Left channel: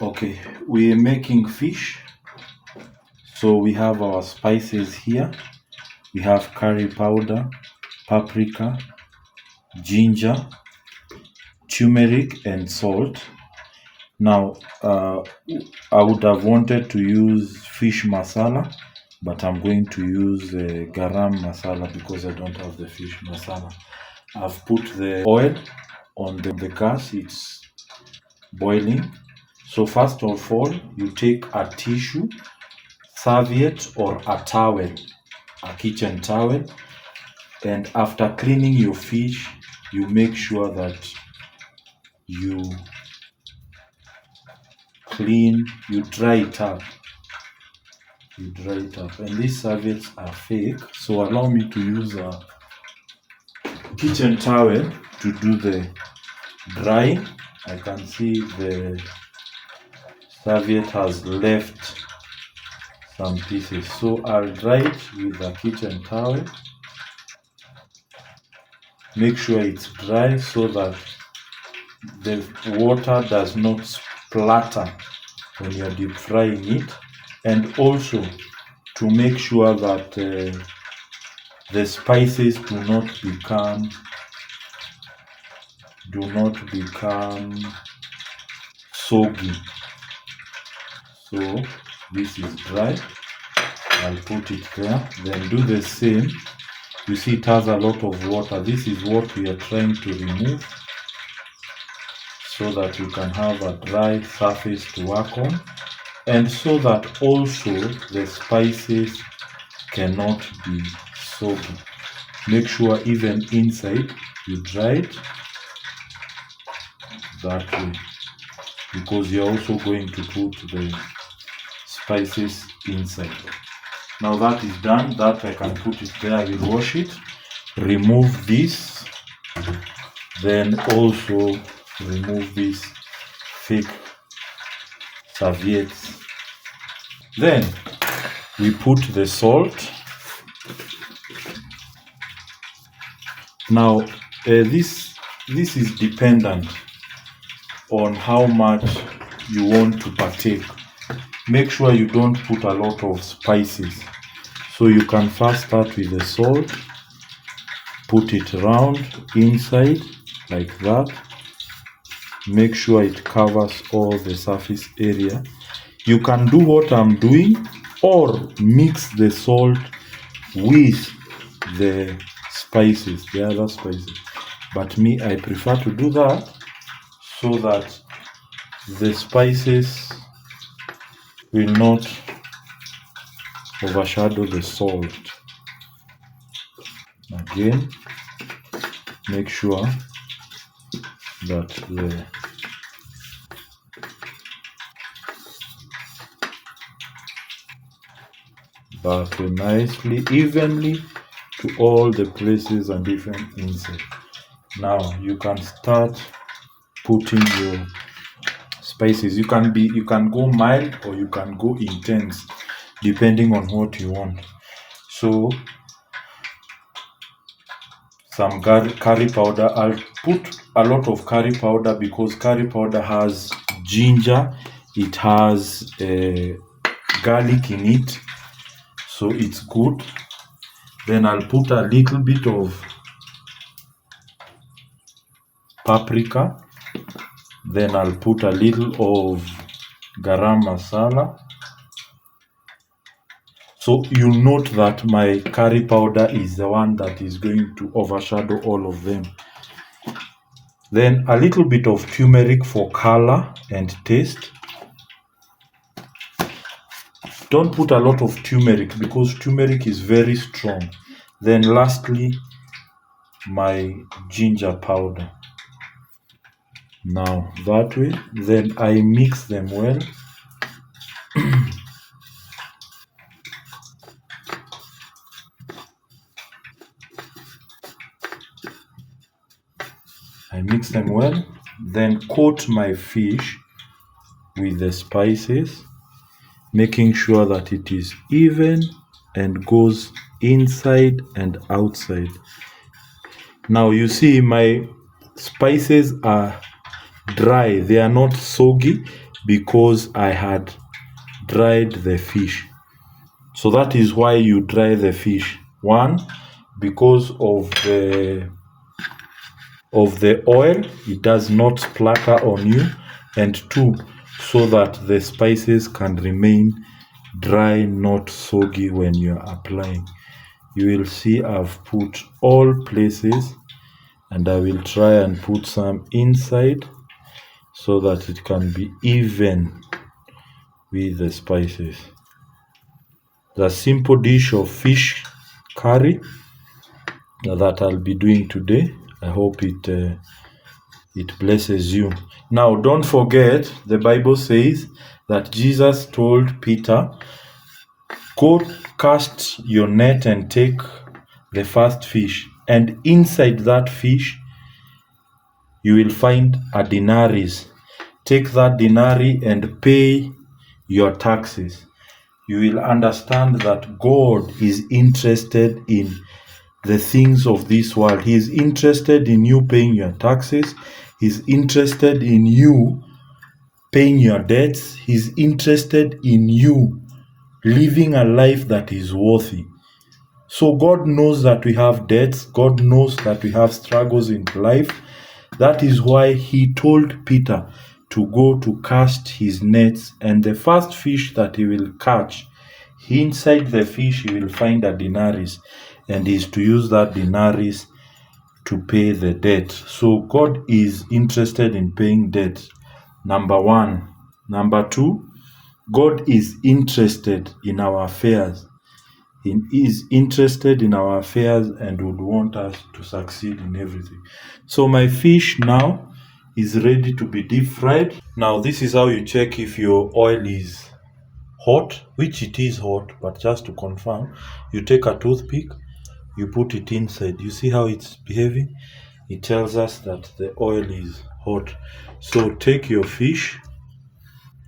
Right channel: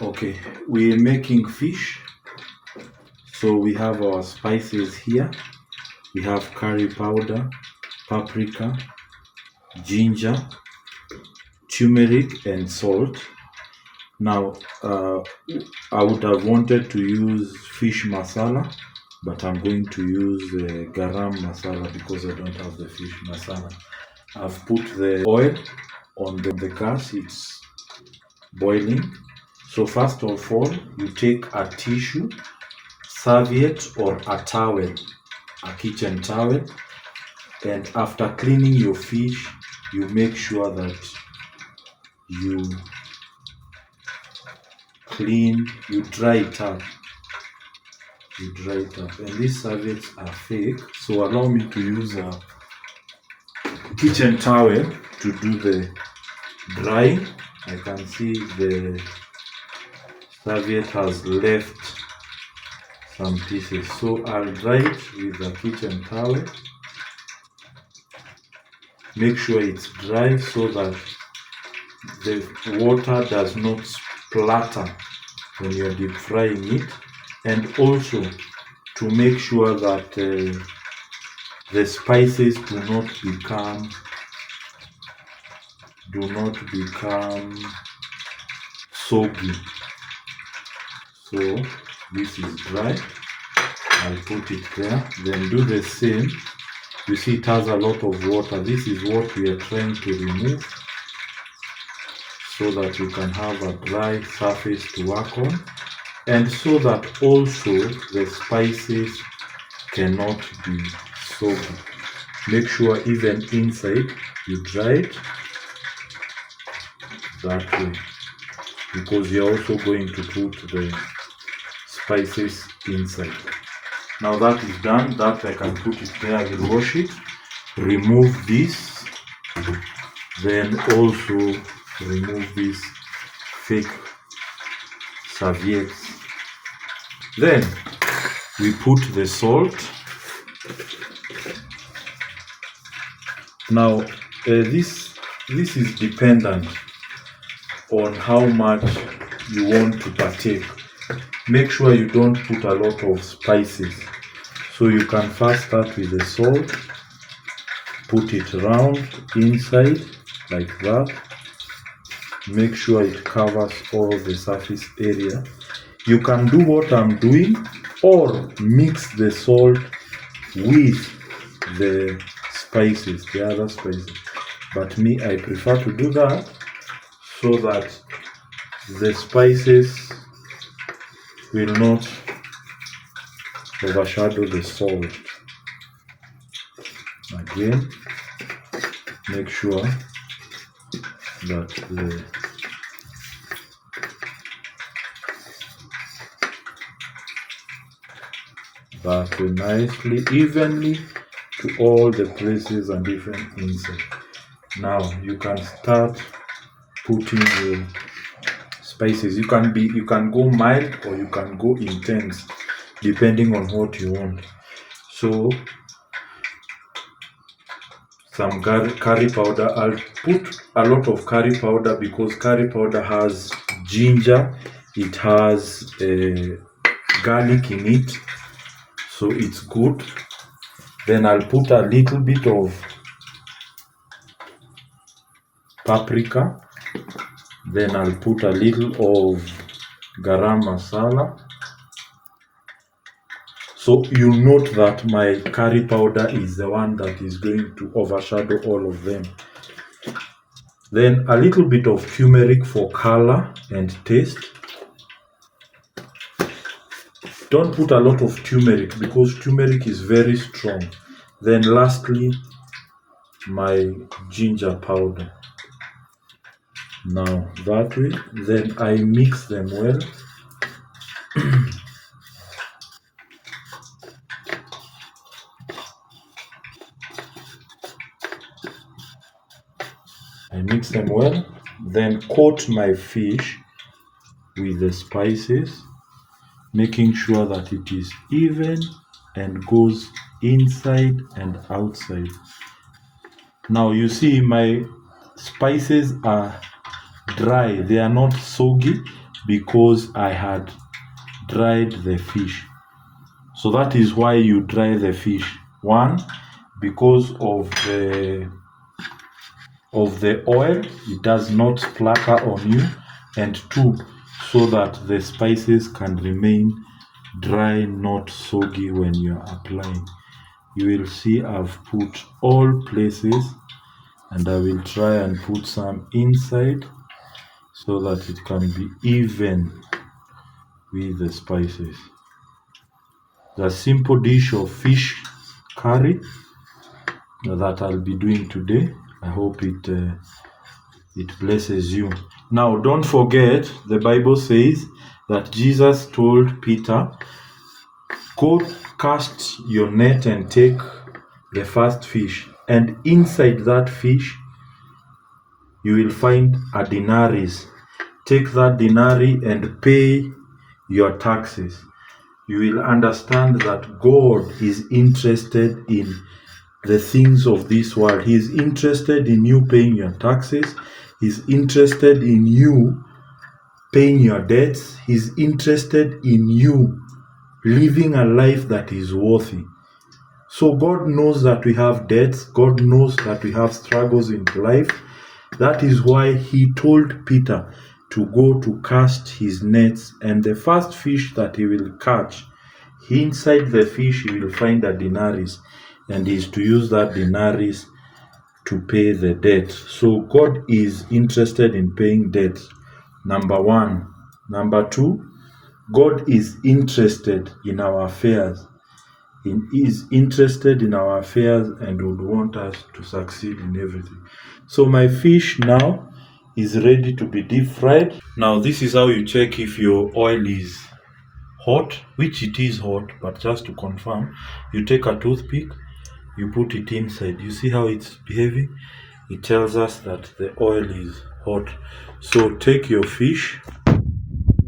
Okay, we're making fish. So we have our spices here. We have curry powder, paprika, ginger, turmeric, and salt. Now, I would have wanted to use fish masala, but I'm going to use garam masala because I don't have the fish masala. I've put the oil on the gas, it's boiling. So first of all, you take a tissue, serviette, or a towel, a kitchen towel, and after cleaning your fish, you make sure that you dry it up. And these serviettes are fake, so allow me to use a kitchen towel to do the drying. I can see the serviette has left some pieces, so I'll dry it with a kitchen towel. Make sure it's dry so that the water does not splatter when you're deep frying it, and also to make sure that the spices do not become soggy. So this is dry. I'll put it there. Then do the same. You see it has a lot of water. This is what we are trying to remove so that you can have a dry surface to work on, and so that also the spices cannot be soggy. Make sure even inside you dry it that way, because you're also going to put the spices inside. Now that is done, that I can put it there. I will wash it, remove this, then also remove these fake serviettes. Then we put the salt. Now this is dependent on how much you want to partake. Make sure you don't put a lot of spices. So you can first start with the salt, put it around inside like that. Make sure it covers all the surface area. You can do what I'm doing or mix the salt with the spices, the other spices. But me, I prefer to do that so that the spices will not overshadow the salt. Again, make sure that nicely, evenly to all the places and different inside. Now you can start putting your spices. You can go mild or you can go intense depending on what you want. So some curry powder. I'll put a lot of curry powder because curry powder has ginger, it has garlic in it, so it's good. Then I'll put a little bit of paprika. Then I'll put a little of garam masala. So you'll note that my curry powder is the one that is going to overshadow all of them. Then a little bit of turmeric for color and taste. Don't put a lot of turmeric because turmeric is very strong. Then lastly, my ginger powder. Now that way, then I mix them well. I mix them well, then coat my fish with the spices, making sure that it is even and goes inside and outside. Now you see my spices are dry. They are not soggy because I had dried the fish. So that is why you dry the fish. One, because of the oil, it does not splatter on you. And two, so that the spices can remain dry, not soggy when you are applying. You will see I've put all places, and I will try and put some inside so that it can be even with the spices. The simple dish of fish curry that I'll be doing today. I hope it blesses you. Now, don't forget, the Bible says that Jesus told Peter, go cast your net and take the first fish, and inside that fish you will find a denarius. Take that denarius and pay your taxes. You will understand that God is interested in the things of this world. He is interested in you paying your taxes. He's interested in you paying your debts. He's interested in you living a life that is worthy. So God knows that we have debts. God knows that we have struggles in life. That is why he told Peter to go to cast his nets, and the first fish that he will catch, inside the fish he will find a denarius, and he is to use that denarius to pay the debt. So God is interested in paying debt. Number one. Number two, God is interested in our affairs. He is interested in our affairs and would want us to succeed in everything. So my fish now is ready to be deep fried. Now this is how you check if your oil is hot, which it is hot, but just to confirm, you take a toothpick, you put it inside. You see how it's behaving? It tells us that the oil is hot. So take your fish,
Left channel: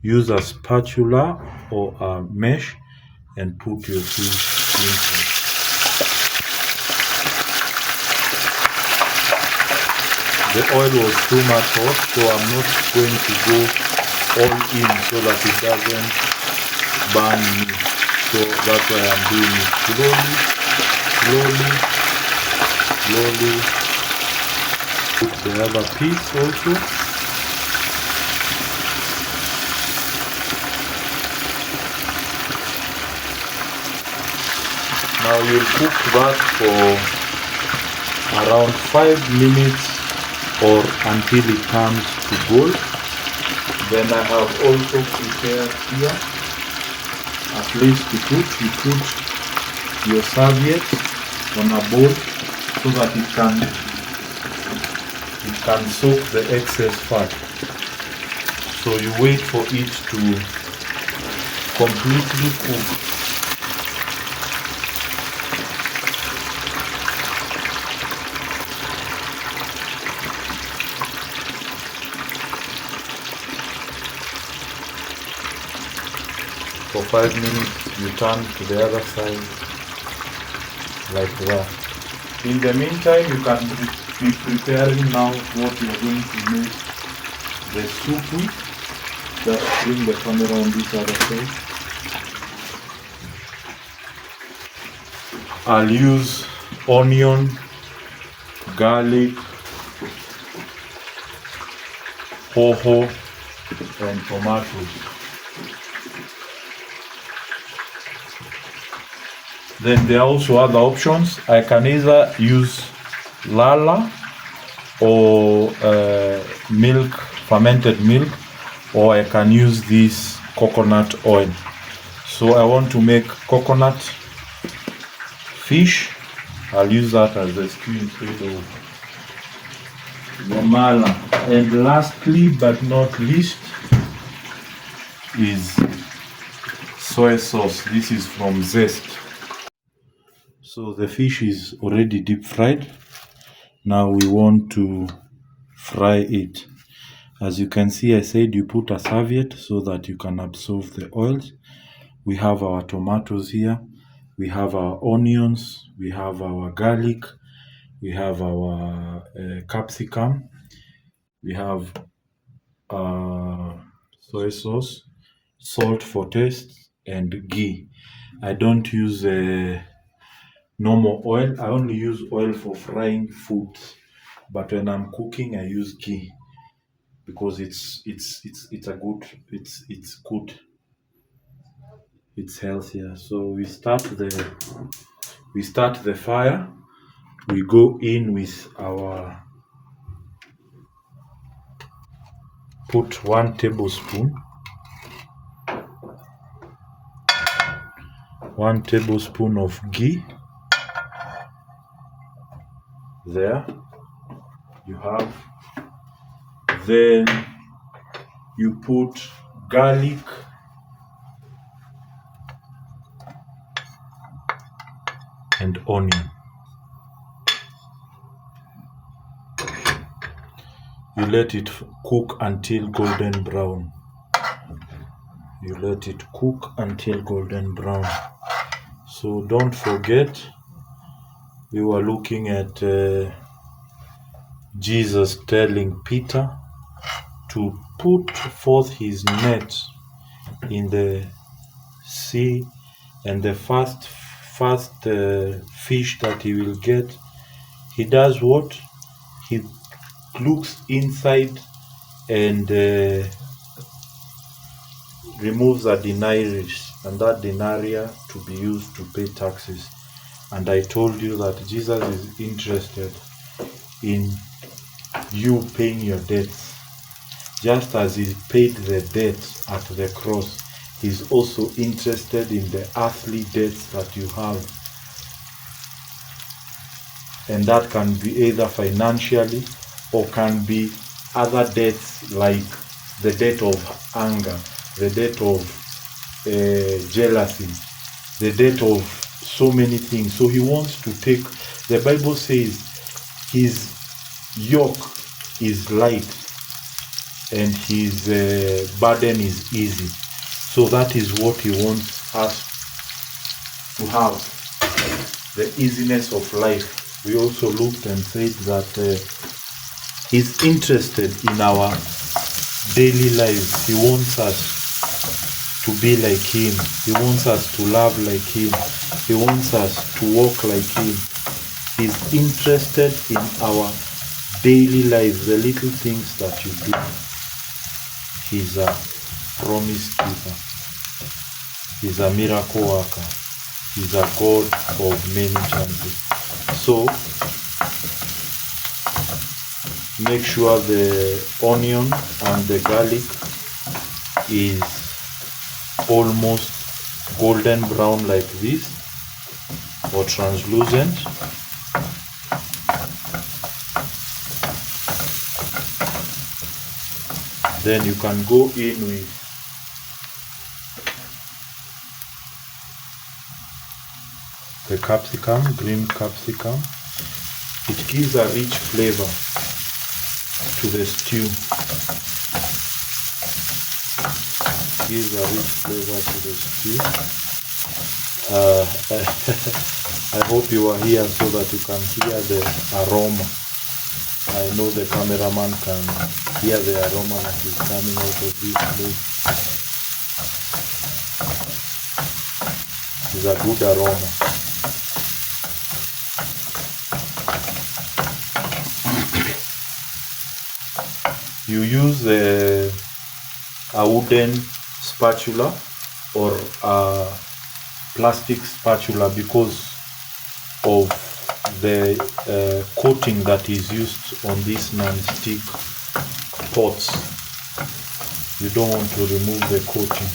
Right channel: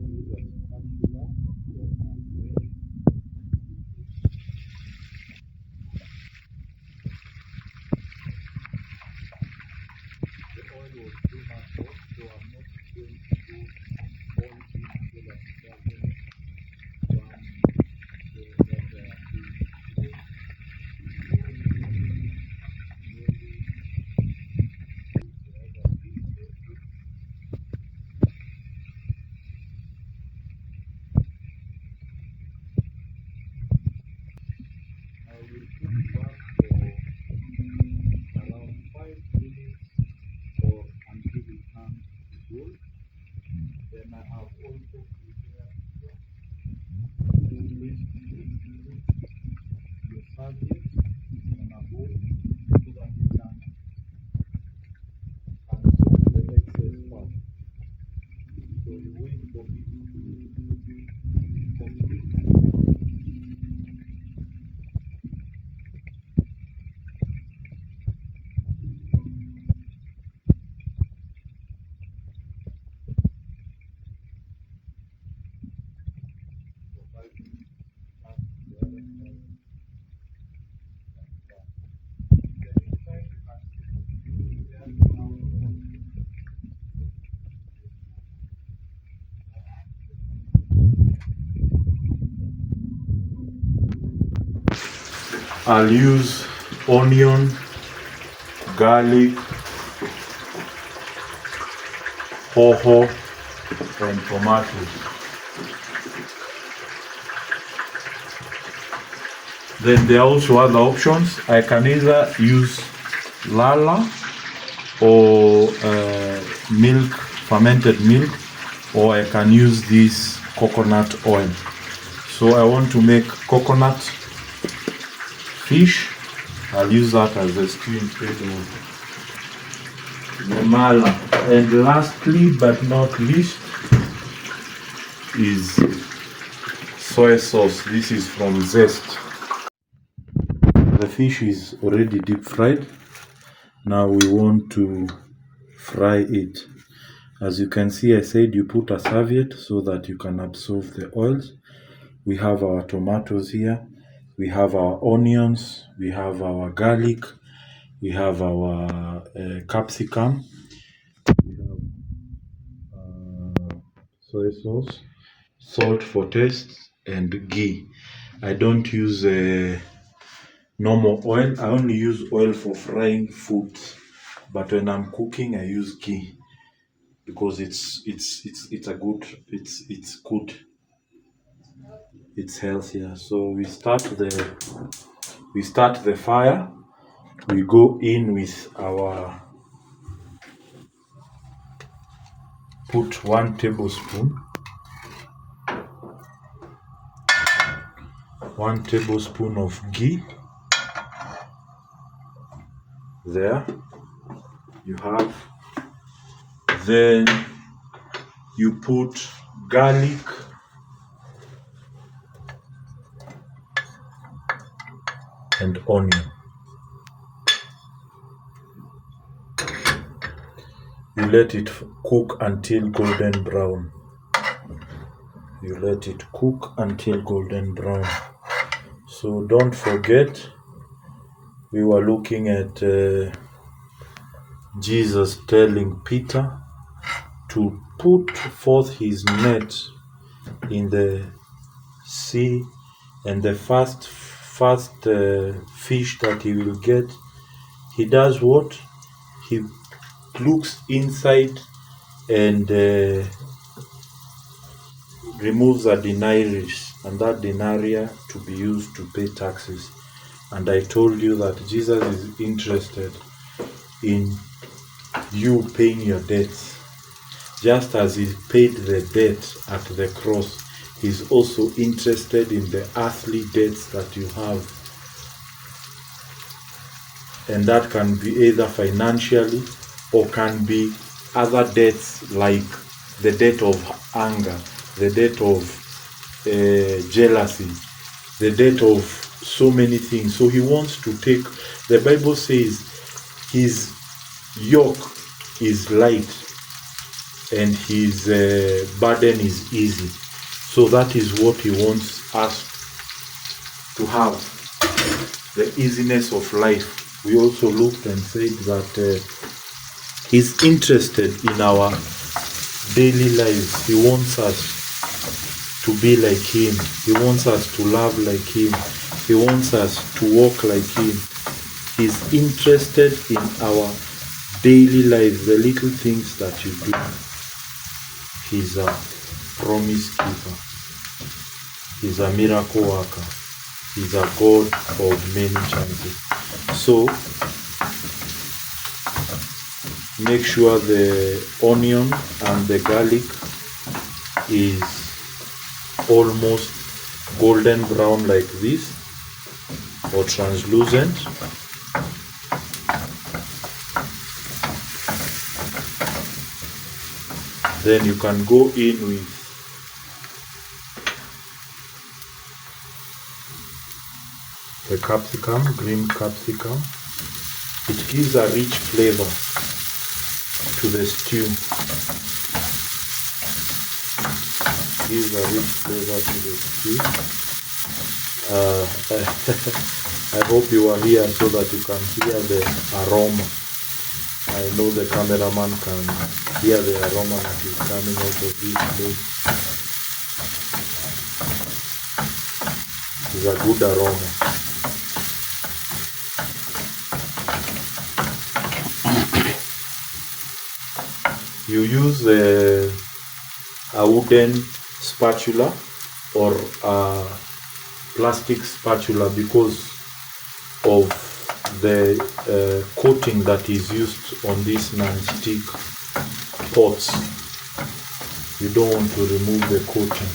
use a spatula or a mesh, and put your fish inside. The oil was too much hot, so I'm not going to go all in so that it doesn't burn me. So that's why I'm doing it slowly, slowly, slowly. Put the other piece also. Now you'll cook that for around 5 minutes or until it comes to gold. Then I have also prepared here a place to put. You put your serviette on a bowl so that it can soak the excess fat. So you wait for it to completely cook. For 5 minutes, you turn to the other side like that. In the meantime, you can be preparing now what you are going to make the soup with. Just bring the camera on this other side. I'll use onion, garlic, hoho, and tomatoes. Then there are also other options. I can either use lala or milk, fermented milk, or I can use this coconut oil. So I want to make coconut fish. I'll use that as a stew instead of the mala. And lastly but not least is soy sauce. This is from Zest. The fish is already deep fried. Now we want to fry it. As you can see, I said you put a serviette so that you can absorb the oils. We have our tomatoes here. We have our onions. We have our garlic. We have our capsicum. We have soy sauce, salt for taste, and ghee. I don't use normal oil. I only use oil for frying food, but when I'm cooking, I use ghee because it's a good it's good, it's healthier. So we start the fire. We go in with our put 1 tablespoon of ghee. There you have. Then you put garlic and onion. You let it cook until golden brown. You let it cook until golden brown. So don't forget, we were looking at Jesus telling Peter to put forth his net in the sea, and the first fish that he will get, he does what? He looks inside and removes a denarius, and that denarius to be used to pay taxes. And I told you that Jesus is interested in you paying your debts. Just as he paid the debt at the cross, he's also interested in the earthly debts that you have. And that can be either financially or can be other debts, like the debt of anger, the debt of jealousy, the debt of so many things. So he wants to take, the Bible says his yoke is light and his burden is easy. So that is what he wants us to have, the easiness of life. We also looked and said that he's interested in our daily lives. He wants us to be like him. He wants us to love like him. He wants us to walk like him. He's interested in our daily lives, the little things that you do. He's a promise keeper. He's a miracle worker. He's a God of many chances. So make sure the onion and the garlic is almost golden brown like this, or translucent. Then you can go in with the capsicum, green capsicum. It gives a rich flavor to the stew. Gives a rich flavor to the stew. I hope you are here so that you can hear the aroma. I know the cameraman can hear the aroma that is coming out of this place. It's a good aroma. You use a wooden spatula or a plastic spatula because of the coating that is used on these non-stick pots. You don't want to remove the coating.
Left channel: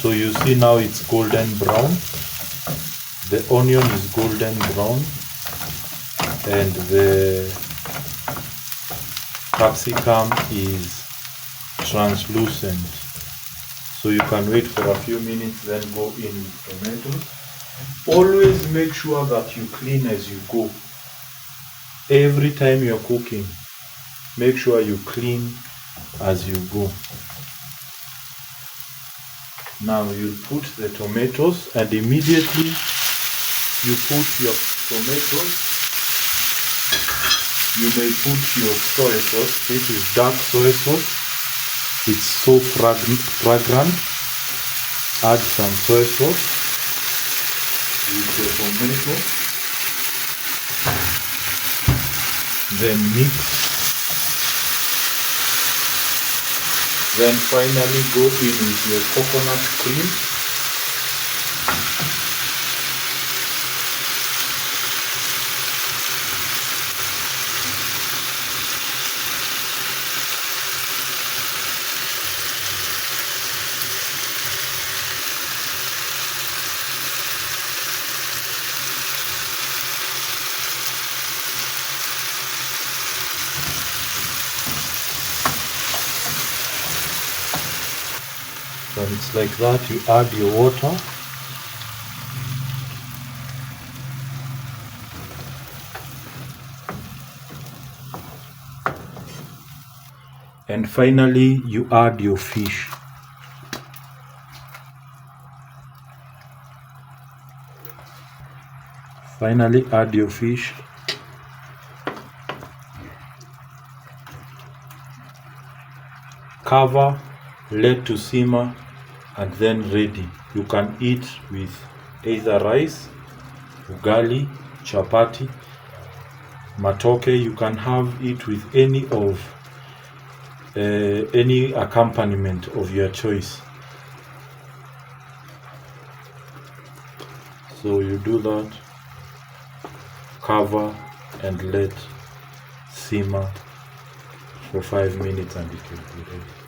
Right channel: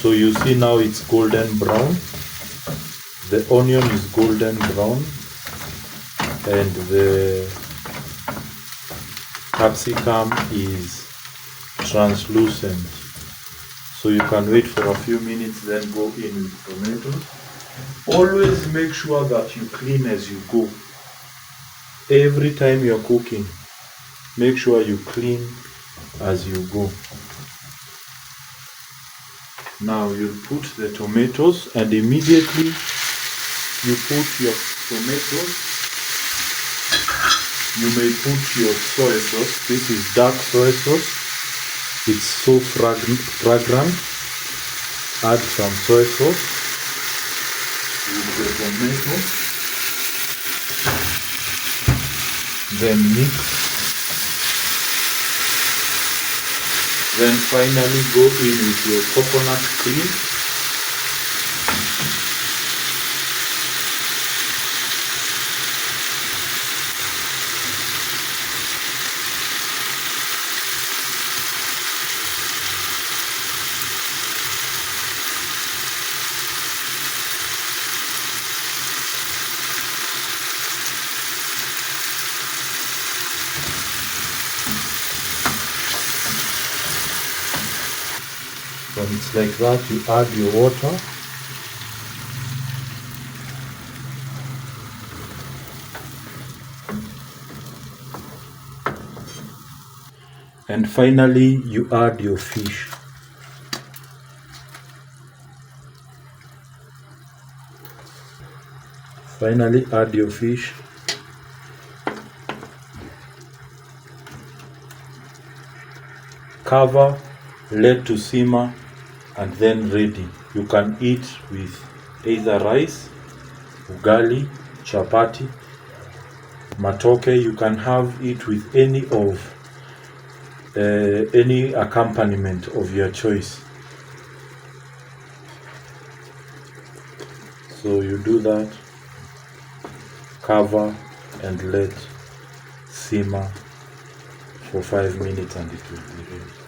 So you see now it's golden brown. The onion is golden brown and the capsicum is translucent. So you can wait for a few minutes, then go in with tomatoes. Always make sure that you clean as you go. Every time you're cooking, make sure you clean as you go. Now you put the tomatoes and immediately you put your tomatoes You may put your soy sauce. This is dark soy sauce. It's so fragrant. Add some soy sauce with your tomato. Then mix. Then finally go in with your coconut cream. When it's like that, you add your water. And finally, you add your fish. Finally, add your fish. Cover, let to simmer, and then ready. You can eat with either rice, ugali, chapati, matoke. You can have it with any accompaniment of your choice. So you do that, cover, and let simmer for 5 minutes, and it will be ready.